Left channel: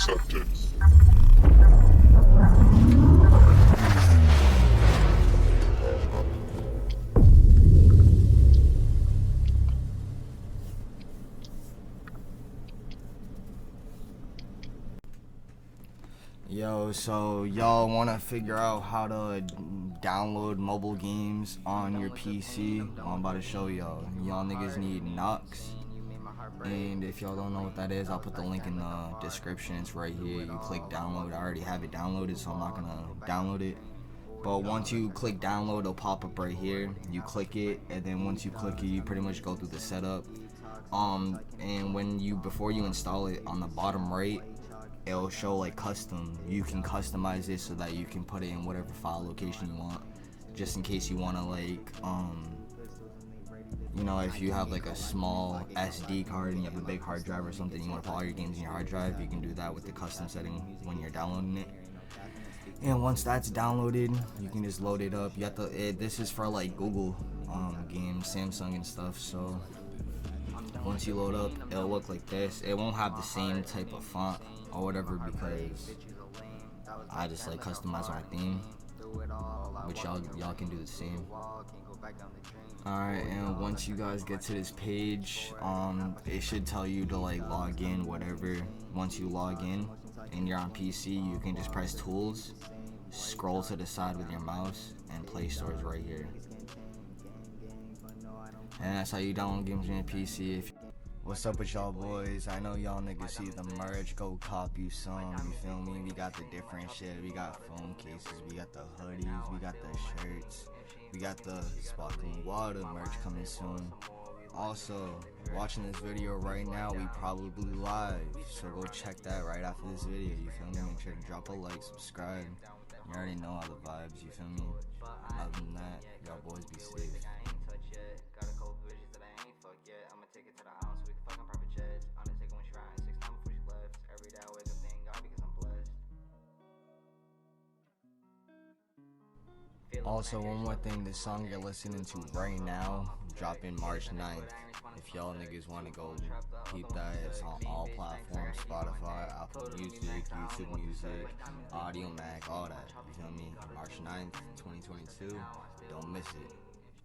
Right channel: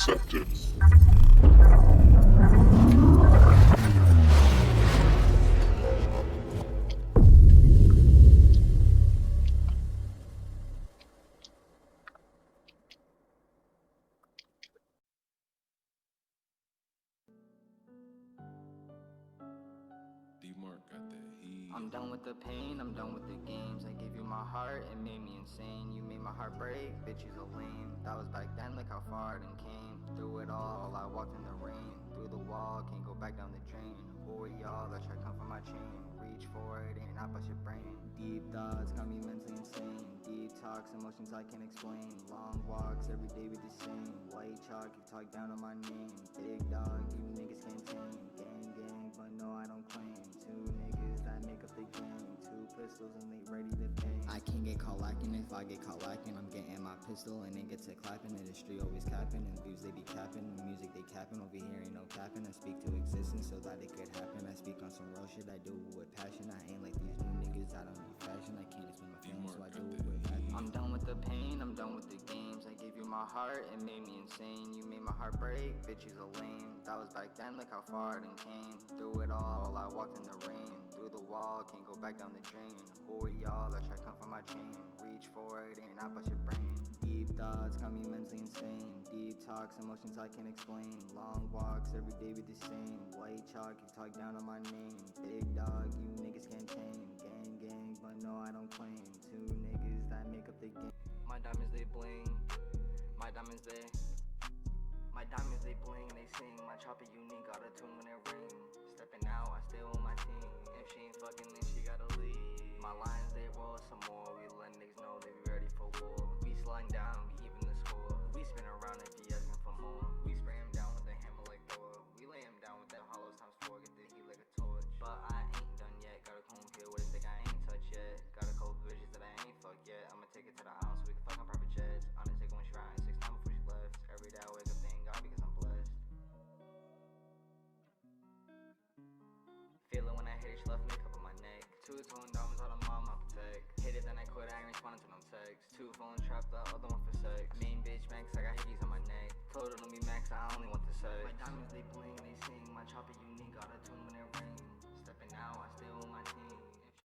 acceptance. Yo, so y'all want to figure out how to download mobile games on your PC? I'm about to show y'all. Y'all niggas need Nox. And if y'all don't know what that is, I'll put the link in the description. It's right here. You click download. I already have it downloaded, so I'm not gonna download it. But once you click download, it'll pop up right here. You click it, and then once you click it, you pretty much go through the setup. And before you install it, on the bottom right, it'll show like custom. You can customize it so that you can put it in whatever file location you want. Just in case you wanna if you have like a small SD card and you have a big hard drive or something, you want to put all your games in your hard drive, you can do that with the custom setting when you're downloading it. And once that's downloaded, you can just load it up. You have to. This is for like Google games, Samsung and stuff. So once you load up, it'll look like this. It won't have the same type of font or whatever because I just like customize my theme, which y'all can do the same. Alright, and once you guys get to this page, it should tell you to like log in, whatever. Once you log in and you're on PC, you can just press tools, scroll to the side with your mouse, and Play Store is right here. And that's how you download games on your PC. What's up with y'all boys? I know y'all niggas see the merch, go cop you some, you feel me? We got the different shit, we got phone cases, we got the hoodies, we got the shirts, we got the sparkling water merch coming soon. Also, watching this video right now, we probably live, so go check that right after this video, you feel me? Make sure to drop a like, subscribe, you already know all the vibes, you feel me? Other than that, y'all boys be safe. Take it to the ounce, we can fuck on private jets. Undertaker when she riding 6 times before she left. Every day I wake up thanking God because I'm blessed. Also, one more thing, the song you're listening to right now, dropping March 9th. If y'all niggas want to go keep that, it's on all platforms, Spotify, Apple Music, YouTube Music, Audio Mac, all that. You feel me? March 9th, 2022. Don't miss it.